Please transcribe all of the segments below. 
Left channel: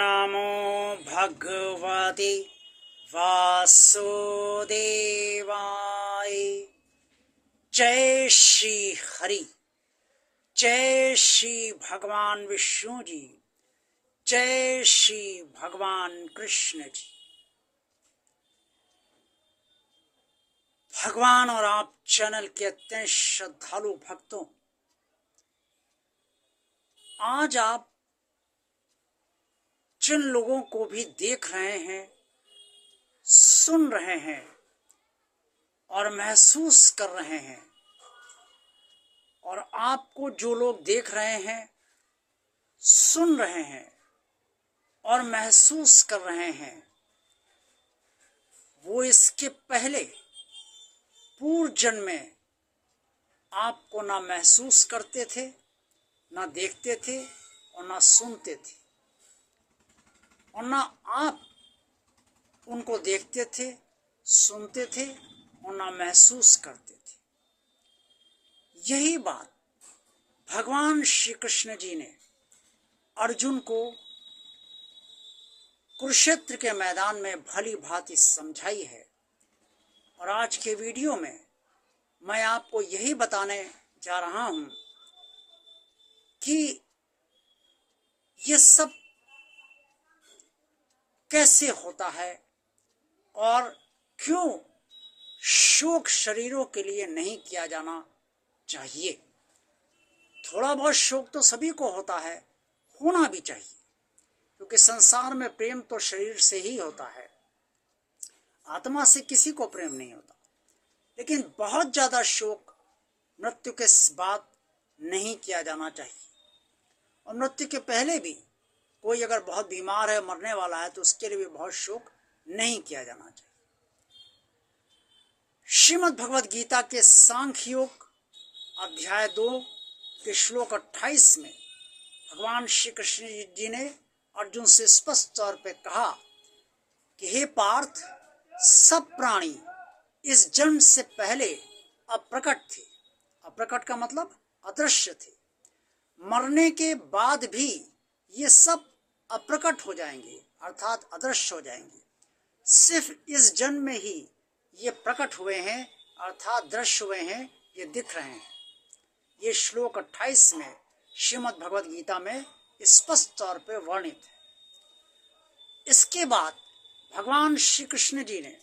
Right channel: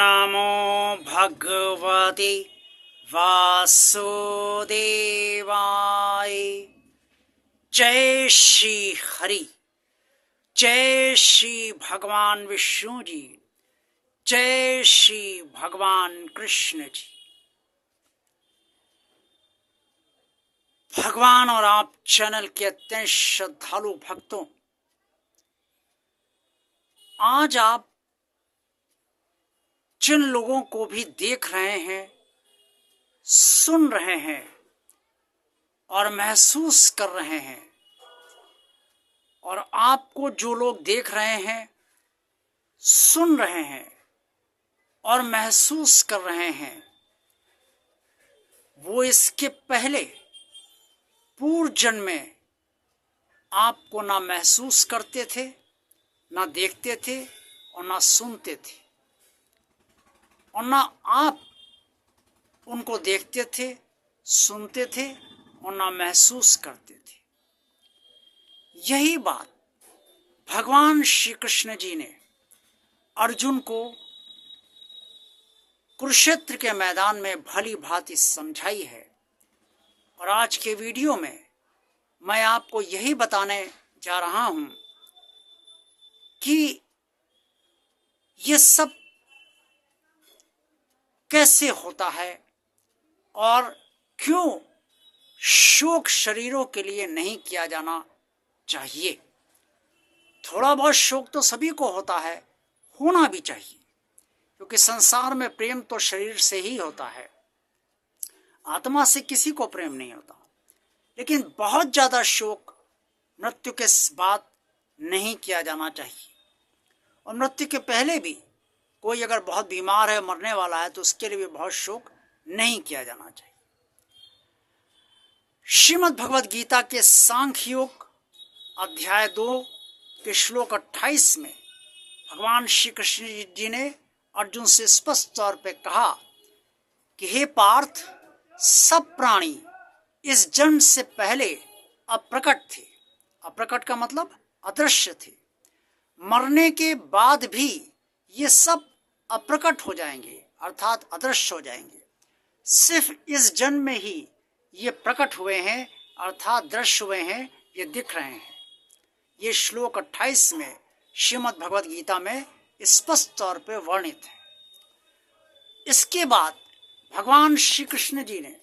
नमो भगवते वासुदेवाय। जय श्री हरि, जय श्री भगवान विष्णु जी, जय श्री भगवान कृष्ण जी। भगवान और आप चैनल के अत्यंत श्रद्धालु भक्तों, आज आप जिन लोगों को भी देख रहे हैं, सुन रहे हैं और महसूस कर रहे हैं, और आपको जो लोग देख रहे हैं, सुन रहे हैं और महसूस कर रहे हैं, वो इसके पहले पूर्व जन्म में आपको ना महसूस करते थे, ना देखते थे और ना सुनते थे, और ना आप उनको देखते थे, सुनते थे और ना महसूस करते थे। यही बात भगवान श्री कृष्ण जी ने अर्जुन को कुरुक्षेत्र के मैदान में भली भांति समझाई है। और आज के वीडियो में मैं आपको यही बताने जा रहा हूं कि ये सब कैसे होता है और क्यों शोक शरीरों के लिए नहीं किया जाना चाहिए। थोड़ा बहुत शोक तो सभी को होता है, होना भी चाहिए, क्योंकि संसार में प्रेम तो शरीर से ही होता है, आत्मा से किसी को प्रेम नहीं होता। लेकिन बहुत ज्यादा शोक मृत्यु के बाद नहीं किया जाना चाहिए। और मृत्यु के पहले भी कोई अगर बहुत बीमार है, मरने वाला है, तो उसके लिए भी बहुत शोक नहीं किया जाना चाहिए। श्रीमद् भगवद गीता के सांख्य योग अध्याय 2 के श्लोक 28 में भगवान श्री कृष्ण जी ने अर्जुन से स्पष्ट तौर पे कहा कि हे पार्थ, सब प्राणी इस जन्म से पहले अप्रकट थे। अप्रकट का मतलब अदृश्य थे। मरने के बाद भी ये सब अप्रकट हो जाएंगे, अर्थात अदृश्य हो जाएंगे। सिर्फ इस जन्म में ही ये प्रकट हुए हैं, अर्थात दृश्य हुए हैं, ये दिख रहे हैं। ये श्लोक 28 में श्रीमद् भगवद गीता में स्पष्ट तौर पे वर्णित है। इसके बाद भगवान श्री कृष्ण जी ने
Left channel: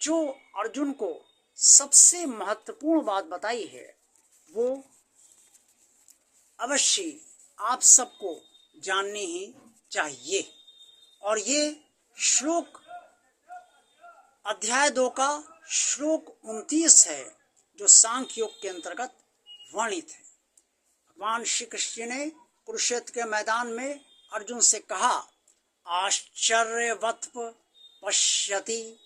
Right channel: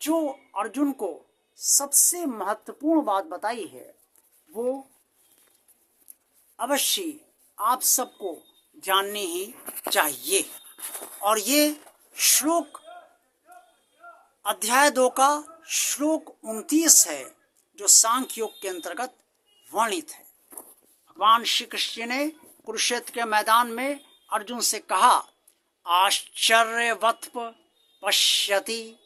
जो अर्जुन को सबसे महत्वपूर्ण बात बताई है, वो अवश्य आप सबको जाननी ही चाहिए। और ये श्लोक अध्याय 2 का श्लोक 29 है, जो सांख्य योग के अंतर्गत वर्णित है। भगवान श्री कृष्ण ने कुरुक्षेत्र के मैदान में अर्जुन से कहा, आश्चर्यवत् पश्यति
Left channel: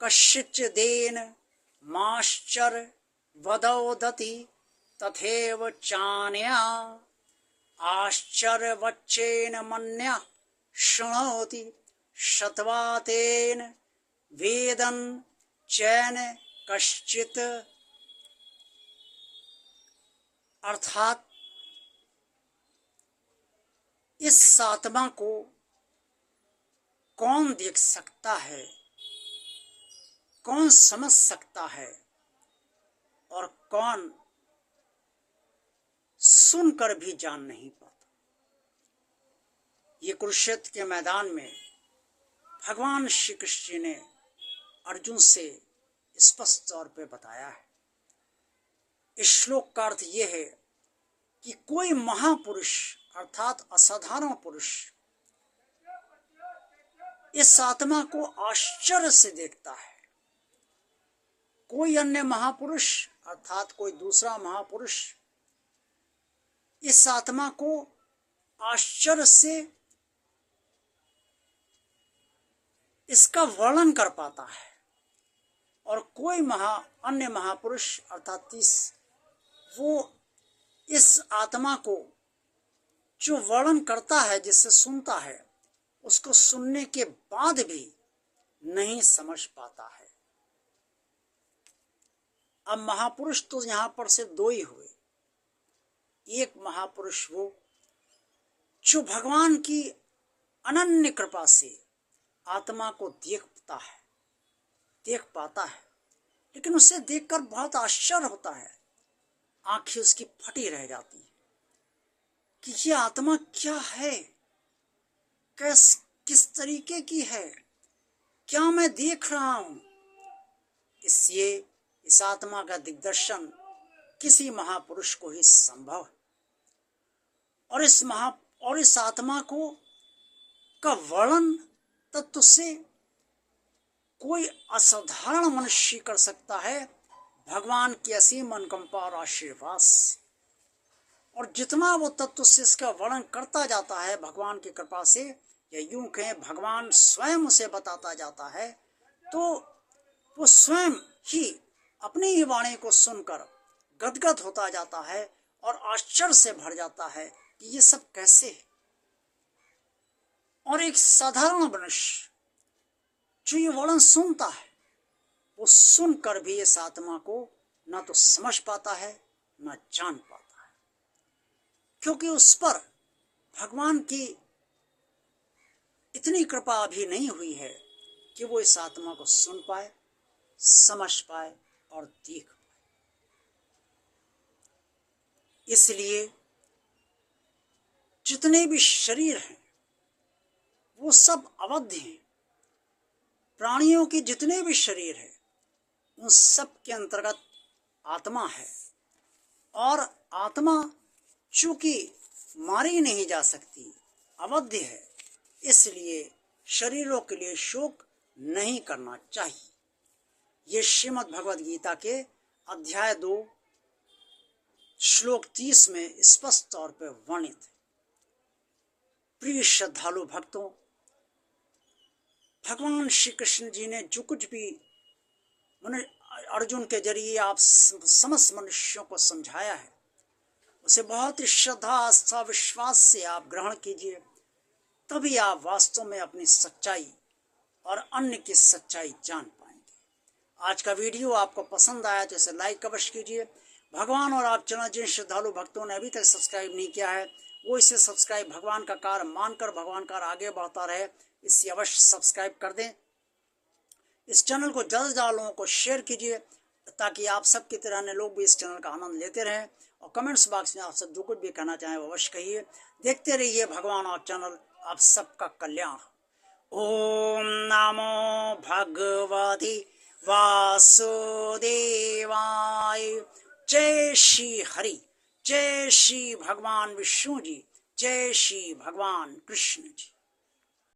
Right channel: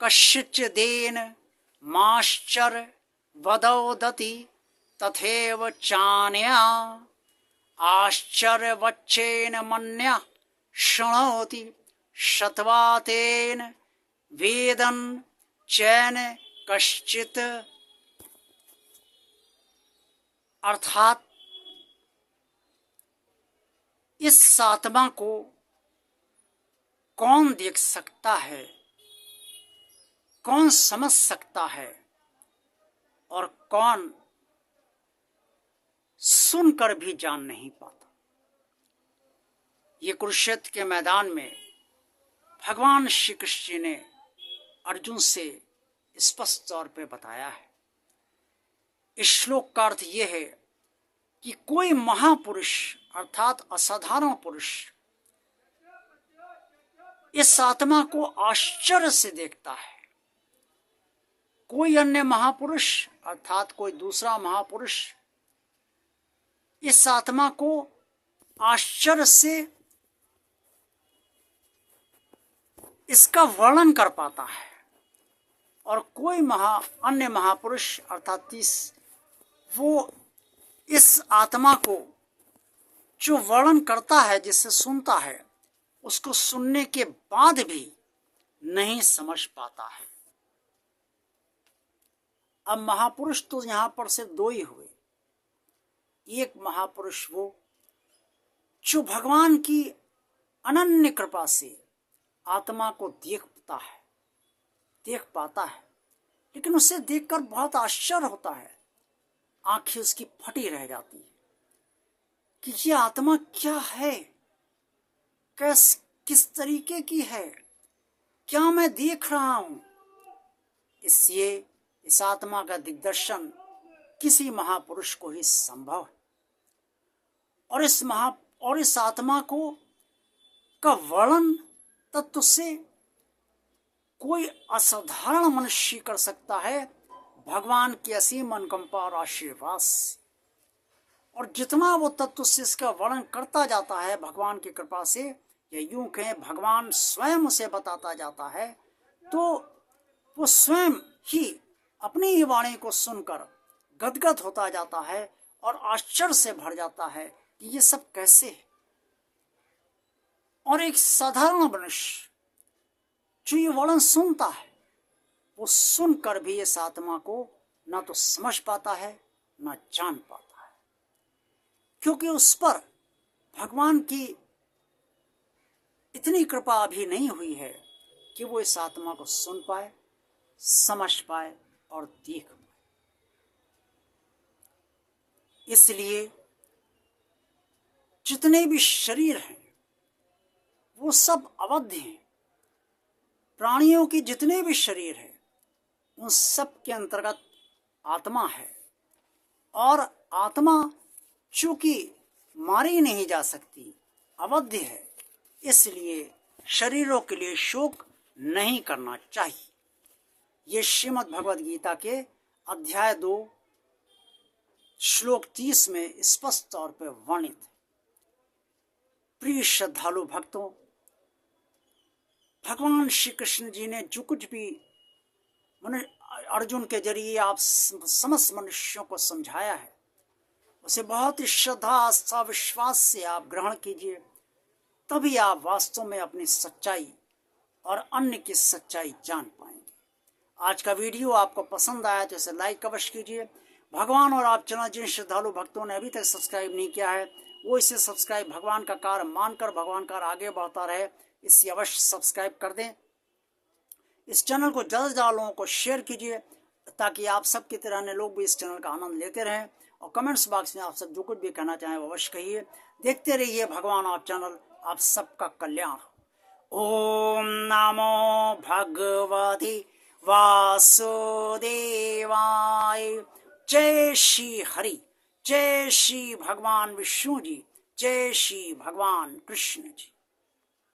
कश्चिदेन माश्चर्य वदोदति तथैव चान्या आश्चर्यवच्चेन मन्या शृणोति शतवातेन वेदन चैन कश्चित। अर्थात इस आत्मा को कौन देख सकता है, कौन समझ सकता है और कौन सुनकर भी जान नहीं पाता। ये कुरुक्षेत्र के मैदान में भगवान श्री कृष्ण ने अर्जुन से स्पष्ट तौर पे बताया है। इस श्लोक का अर्थ यह है कि कोई महापुरुष अर्थात असाधारण पुरुष इस आत्मा को आश्चर्य से देखता है। कोई अन्य महापुरुष अर्थात कोई दूसरा महापुरुष इस आत्मा को आश्चर्य से इसका वर्णन कर पाता है, और कोई अन्य महापुरुष अर्थात वो इस आत्मा को जो वर्णन करता है, जिससे सुनता है, उसको सुनने के बाद भी नहीं समझ पाता है। अब महापुरुष तो यहां पर सिर्फ 2 ही हुए। एक महापुरुष वो जो भगवान की अनन्य कृपा से आत्मा को देख पाता है, लेकिन उसे देखकर बहुत आश्चर्य होता है, आंखें उसकी फटी रह जाती हैं कि ये आत्मा क्या है, किस तरीके की है, क्या मैं देख रहा हूं। इसलिए इस आत्मा का दिग्दर्शन किसी महापुरुष को ही संभव है, और इस आत्मा का वर्णन तत्व से कोई असाधारण मनुष्य कर सकता है भगवान की असीम अनुकंपा और आशीर्वाद से। और जितना वो तत्व से इसका वर्णन करता जाता है भगवान की कृपा से, या यूं कहें भगवान स्वयं उसे बताता जाता है, तो वो स्वयं ही अपनी ही वाणी को सुनकर गदगद होता जाता है और आश्चर्य से भर जाता है कि ये सब कैसे है। और एक साधारण मनुष्य जो ये वर्णन सुनता है, वो सुनकर भी इस आत्मा को ना तो समझ पाता है ना जान पाता है, क्योंकि उस पर भगवान की इतनी कृपा अभी नहीं हुई है कि वो इस आत्मा को सुन पाए, समझ पाए और देख पाए। इसलिए जितने भी शरीर हैं वो सब अवध्य हैं। प्राणियों की जितने भी शरीर है उन सब के अंतर्गत आत्मा है, और आत्मा चूंकि मारी नहीं जा सकती, अवध्य है, इसलिए शरीरों के लिए शोक नहीं करना चाहिए। ये श्रीमद् भगवद गीता के अध्याय 2 श्लोक 30 में स्पष्ट तौर पर वर्णित है। प्रिय श्रद्धालु भक्तों, भगवान श्री कृष्ण जी ने जो कुछ भी अर्जुन के जरिए आप समस्त मनुष्यों को समझाया है, उसे बहुत ही श्रद्धा, आस्था, विश्वास से आप ग्रहण कीजिए, तभी आप वास्तव में अपनी सच्चाई और अन्य की सच्चाई जान पाएंगे। आज का वीडियो आपको पसंद आया तो इसे लाइक अवश्य कीजिए। भगवान और आप चैनल जिन श्रद्धालु भक्तों ने अभी तक सब्सक्राइब नहीं किया है, वो इसे सब्सक्राइब भगवान का कार्य मानकर भगवान का आगे बढ़ता रहे, इसे अवश्य सब्सक्राइब कर दें। इस चैनल को ज़्यादा से ज़्यादा लोगों को शेयर कीजिए, ताकि आप सब की तरह अन्य लोग भी इस चैनल का आनंद लेते रहें। और कमेंट्स बॉक्स में आप सब जो कुछ भी कहना चाहें वो अवश्य कहिए। देखते रहिए भगवान और चैनल, आप सबका कल्याण हो। ओम नमो भगवते वासुदेवाय। जय श्री हरि, जय श्री भगवान विष्णु जी, जय श्री भगवान कृष्ण जी।